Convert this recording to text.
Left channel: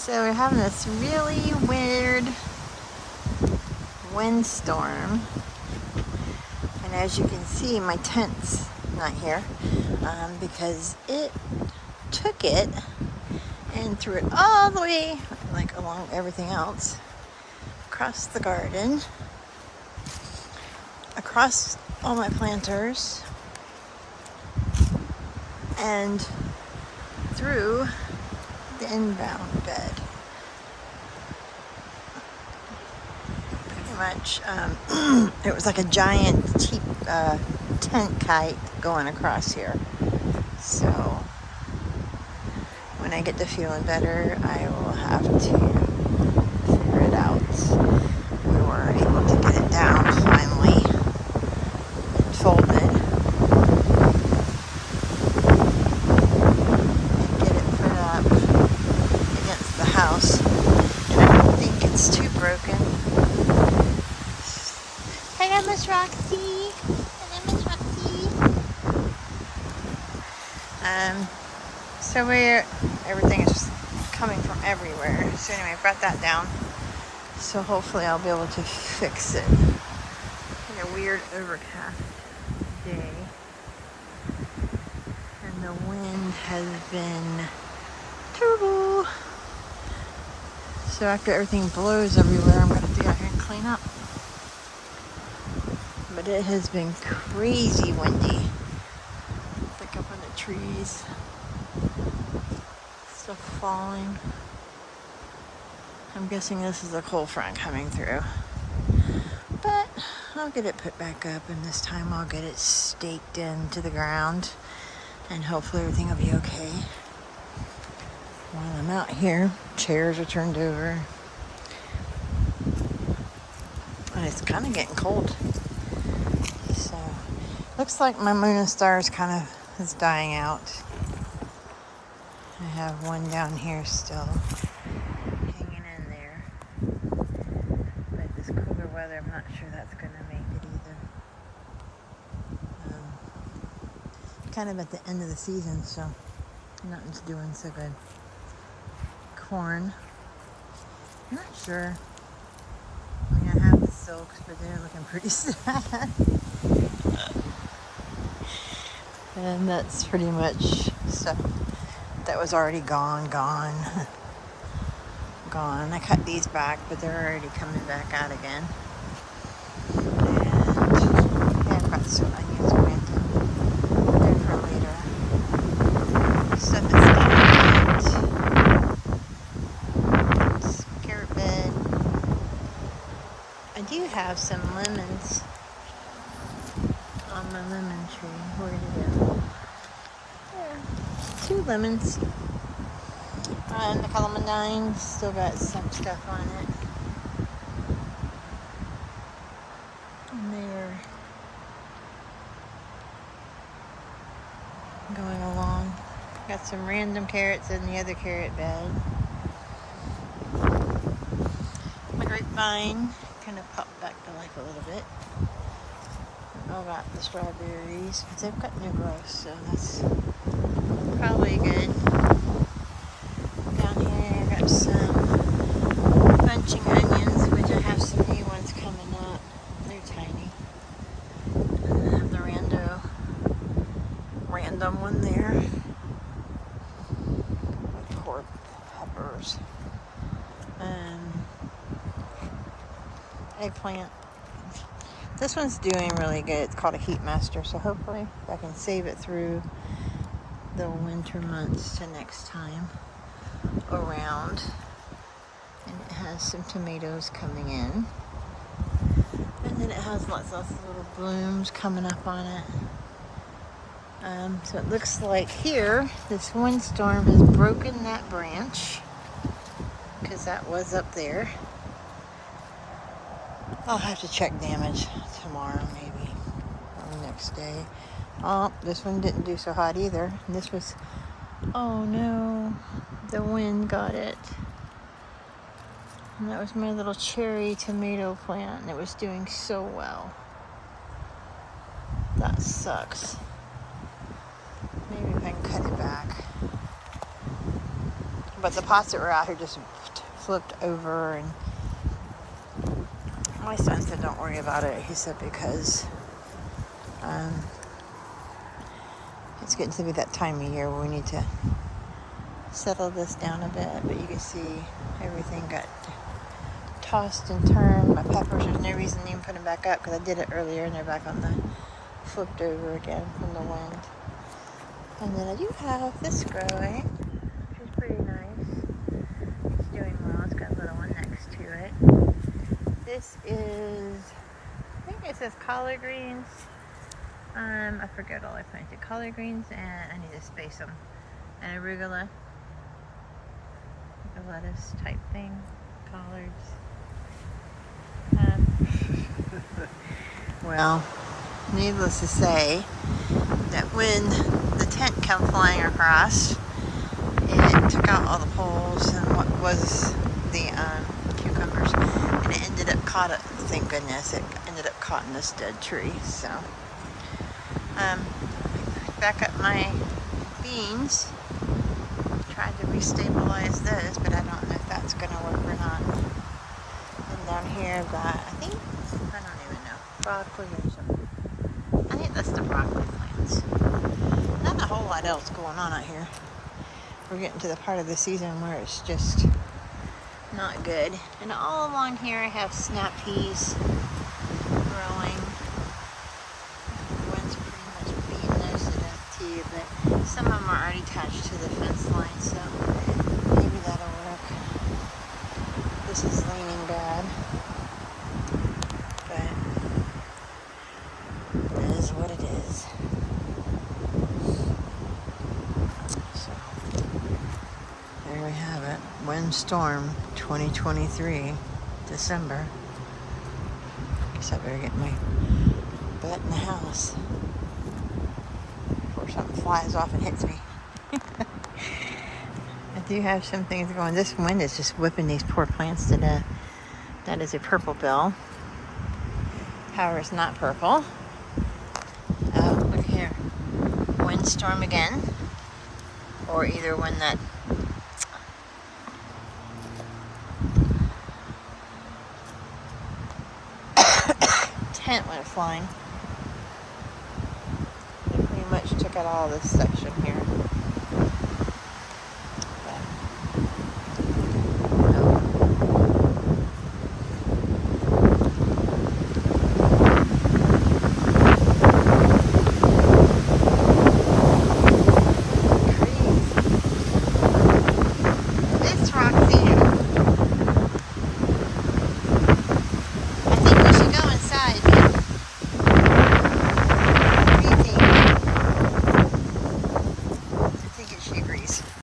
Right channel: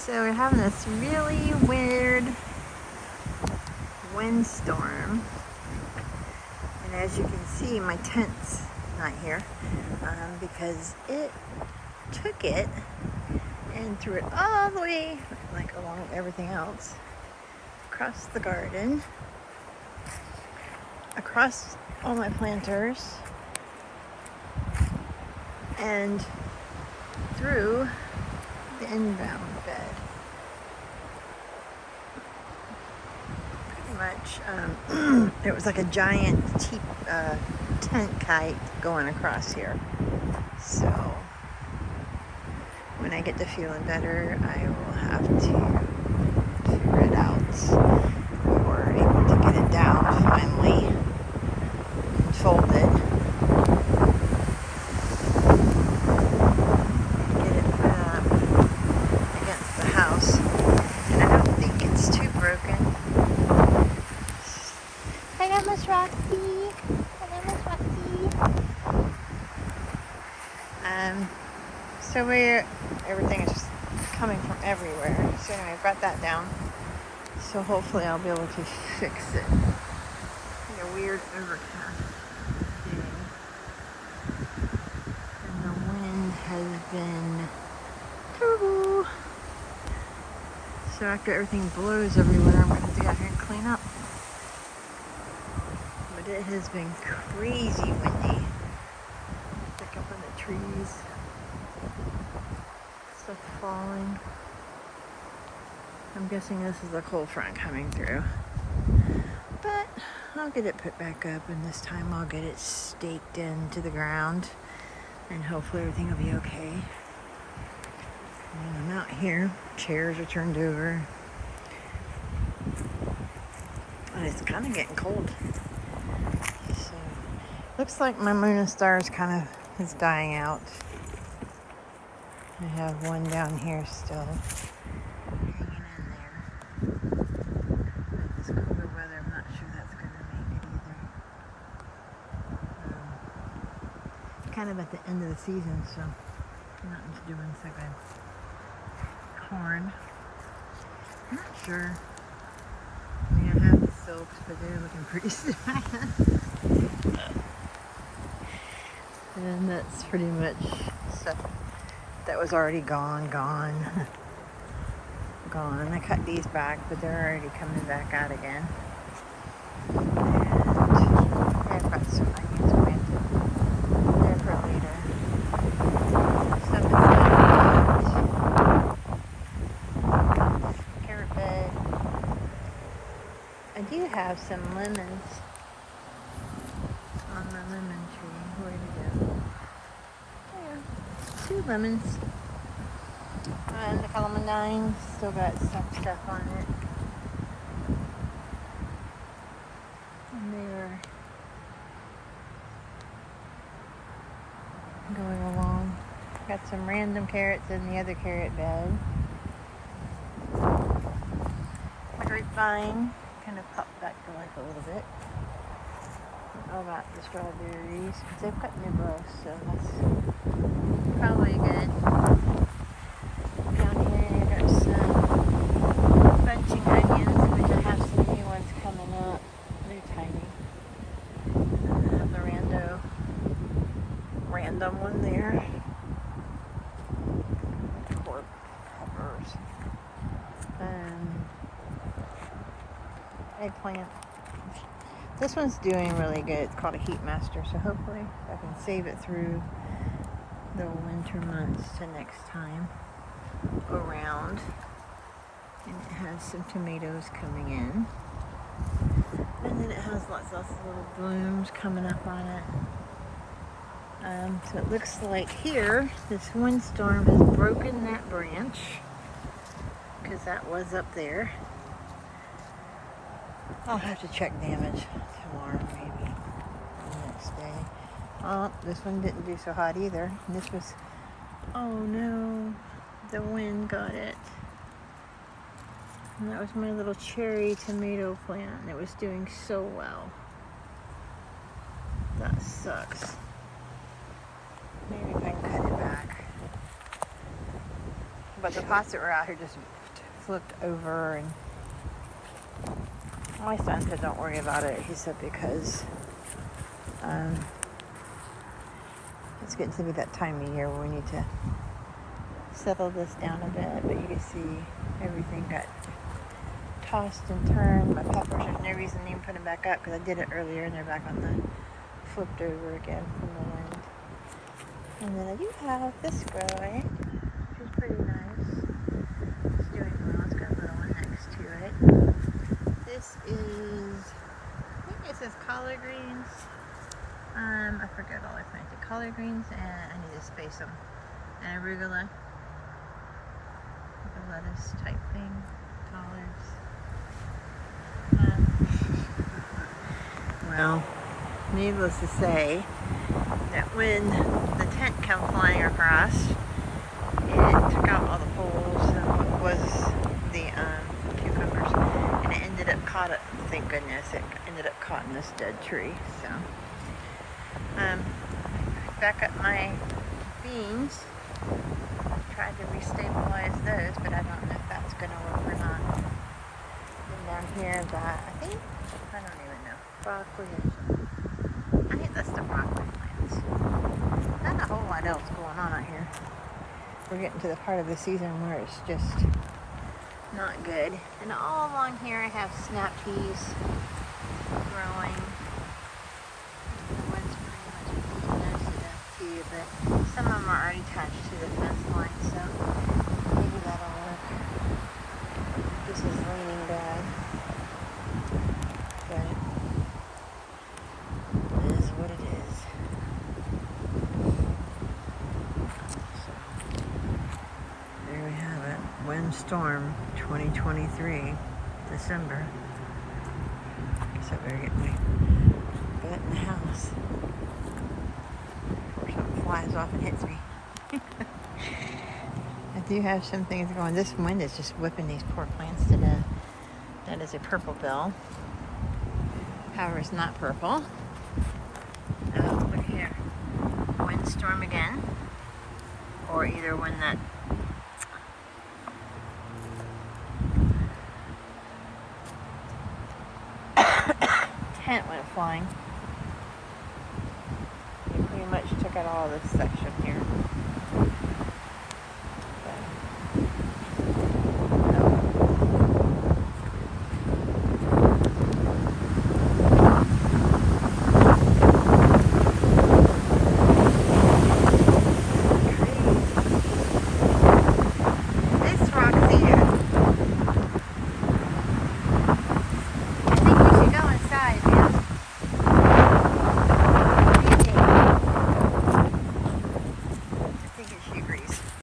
So we're having this really weird windstorm, and as you can see, my tent's not here because it took it and threw it all the way, like along everything else, across the garden, across all my planters, and through the inbound bed. Pretty much, it was like a giant cheap tent kite going across here. So when I get to feeling better, I will have to figure it out. We were able to get it down finally and folded. House, and I don't think it's too broken. Hello, Miss Roxy. Hello, Miss Roxy. So everything is just coming from everywhere. So anyway, I brought that down. So hopefully I'll be able to fix it. Like a weird overcast day, and the wind has been terrible. So after everything blows everywhere, I'm going to have to get out here and clean up. But it has been crazy windy. Like up in the trees. Stuff falling. I'm guessing this is a cold front coming through. But I'll get it put back up, and this time I'll get it staked into the ground. And hopefully everything will be okay. While I'm out here, chairs are turned over. And it's kind of getting cold. So, looks like my moon and stars kind of is dying out. I have one down here still hanging in there. But this cooler weather, I'm not sure that's going to make it either. Kind of at the end of the season, so nothing's doing so good. Corn. I'm not sure. I mean, I have the silks, but they're looking pretty sad. And that's pretty much stuff that was already gone. I cut these back, but they're already coming back out again. And yeah, I've got some onions planted there for later. Stuff is done. Bed. I do have some lemons on my lemon tree. Where did it go? There. 2 lemons. And the calamanine still got some stuff on it. And they were going along. Got some random carrots in the other carrot bed. My grapevine kind of popped back to life a little bit. I got the strawberries. They've got new growth, so that's probably good. Down here I got some bunching onions, which I have some new ones coming up. They're tiny. And I have the random one there. Pork peppers. Eggplant. This one's doing really good. It's called a heat master, so hopefully I can save it through the winter months to next time around. And it has some tomatoes coming in, and then it has lots of little blooms coming up on it. So it looks like here this windstorm has broken that branch, because that was up there. I'll have to check damage tomorrow, maybe, or the next day. Oh, this one didn't do so hot either. And this was, oh no, the wind got it. And that was my little cherry tomato plant, and it was doing so well. That sucks. Maybe if I can cut it back. But the pots that were out here just flipped over, and my son said don't worry about it. He said because it's getting to be that time of year where we need to settle this down a bit. But you can see everything got tossed and turned. My peppers, there's no reason to even put them back up because I did it earlier and they're back on the flipped over again from the wind. And then I do have this growing, which is pretty nice. It's doing well. It's got a little one next to it. This is, I think it says collard greens. I forget all I planted. Collard greens, and I need to space them. And arugula, like a lettuce type thing. Collards. Well, needless to say, that when the tent came flying across, it took out all the poles and what was the cucumbers, and it ended up caught it. Thank goodness, it ended up caught in this dead tree. So, back up my beans. Tried to restabilize those, but I don't know if that's going to work or not. And down here, I've got, I don't even know, broccoli or something. I think that's the broccoli plants. Not a whole lot else going on out here. We're getting to the part of the season where it's just not good. And all along here I have snap peas growing. The wind's pretty much beating those to death too, but some of them are already attached to the fence line, so maybe that'll work. This is leaning bad, but it is what it is. So, there we have it. Windstorm 2023, December. Guess I better get my butt in the house before something flies off and hits me. I do have some things going. This wind is just whipping these poor plants to death. That is a purple bill. However, it's not purple. Look here. Windstorm again. Or either when that tent went flying. They pretty much took out all this section here.